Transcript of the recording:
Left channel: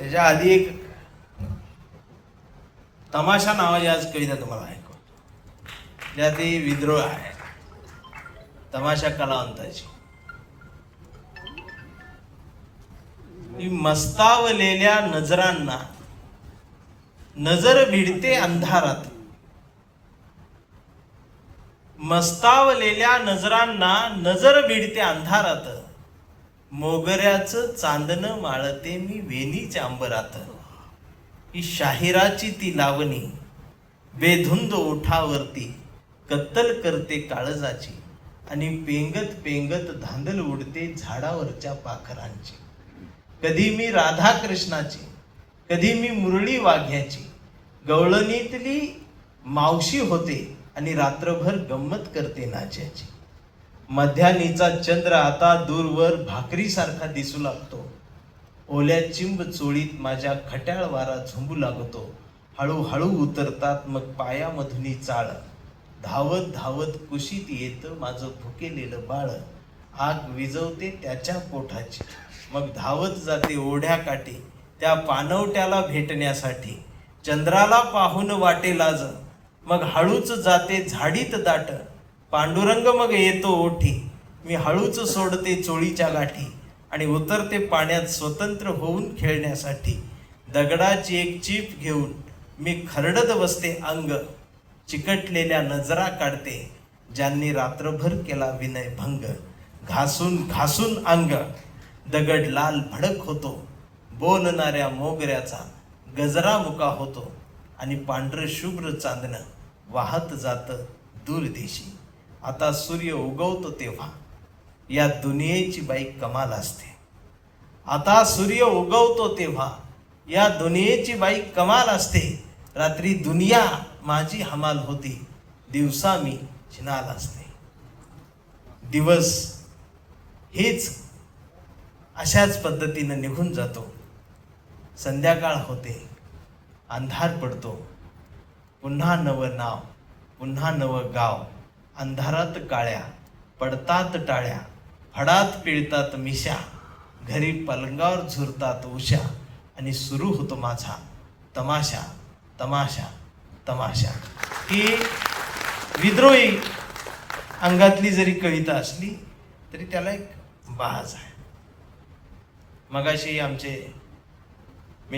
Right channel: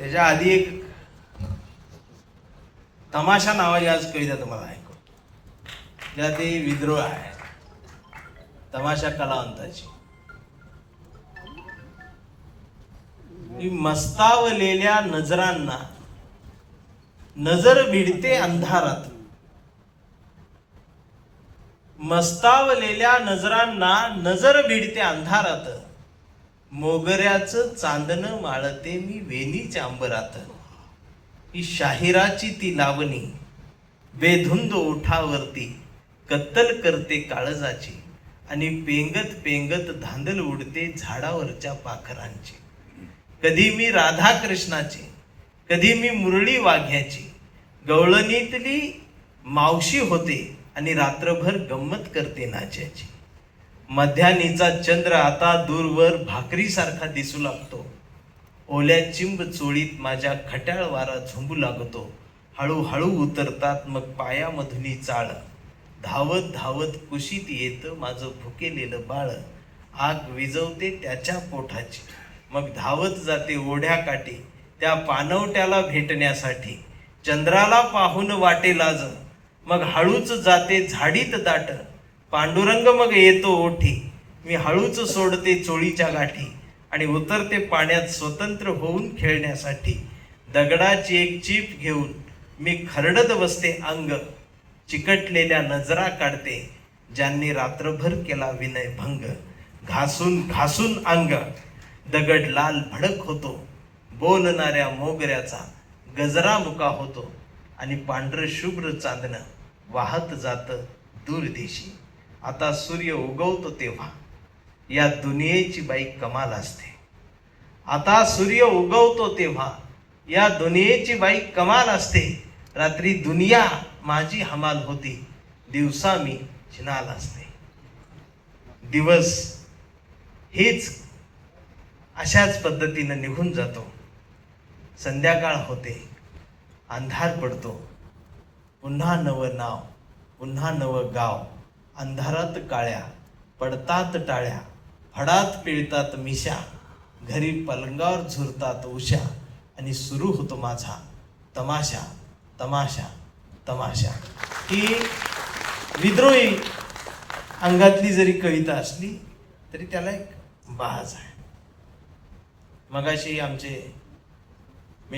त्याच्या आधी एक तमाशा नावाची आज कविता तुम्हाला ऐकवतो, ज्यात ते विद्रोह आहे तमाशा कलावंताची. मस्तावलेल्या नजरांना नजर भिडते अंधारात, मस्तावलेल्या नजरांना नजर भिडते अंधारात, मोगऱ्याचं चांदणं माळते मी वेणीच्या अंबरात. ही शाहिराची ती लावणी बेधुंद ओठावरती कत्तल करते काळजाची, आणि पेंगत पेंगत धांदल उडते झाडावरच्या पाखरांची. कधी मी राधा कृष्णाची, कधी मी मुरळी वाघ्याची, गवळणीतली मावशी होते आणि रात्रभर गंमत करते नाच्याची. मध्यानीचा चंद्र आता दूरवर भाकरीसारखा दिसू लागतो, ओल्या चिंब चोळीत माझ्या खट्याळ वारा झुंबू लागतो. हळूहळू उतरतात मग पायामधुनी चाळ, धावत धावत कुशीत येतं माझं भुकेलेलं बाळ. आग विजवते त्याच्या पोटाची, मग धावत जाते ओढ्या काठी त्या पानवट्याला भेटण्यासाठी. चंद्राला पाहून वाटे लाज, मग हळूच जाते झाडीत दाट. पांडुरंग मग येतो ओठी, मी हळूच सोडते चोळीच्या गाठी, आणि उतरते पाण्यात स्वतंत्र होऊन खेळण्यासाठी. दगडाची एक चीप घेऊन मी खरडत बसते अंग, चिकटलेल्या नजरा काढते ज्यांनी रात्रभर केला विनय भंग. घासून घासून अंग दगड लाल भडक होतो, बोलणाऱ्या मोगऱ्याचा गजरा मुका होतो, आणि पांढर शुभ्र चांदणं वाहत जातं दूरदेशी. आता सूर्य उगवतो तेव्हा या दुनियेची बाई कमाल असते. आता सूर्य उगवतो तेव्हा या दुनियेची बाई कमाल असते. रात्री दुनिया माझी हमाल होती, दिवसा मी चिनाल असते. दिवस हेच अशाच पद्धतीनं निघून जातो. संध्याकाळ होते, अंधार पडतो, पुन्हा नवं नाव, पुन्हा नवं गाव. अंधारात काळ्या पडतात टाळ्या, फडात पिळतात मिशा, घरी पलंगावर झुरतात उशा, आणि सुरू होतो माझा तमाशा तमाशा तमाशा. ही विद्रोही अंगातली जरी कविता असली तरी त्याला एक बाज आहे. मगाशी आमचे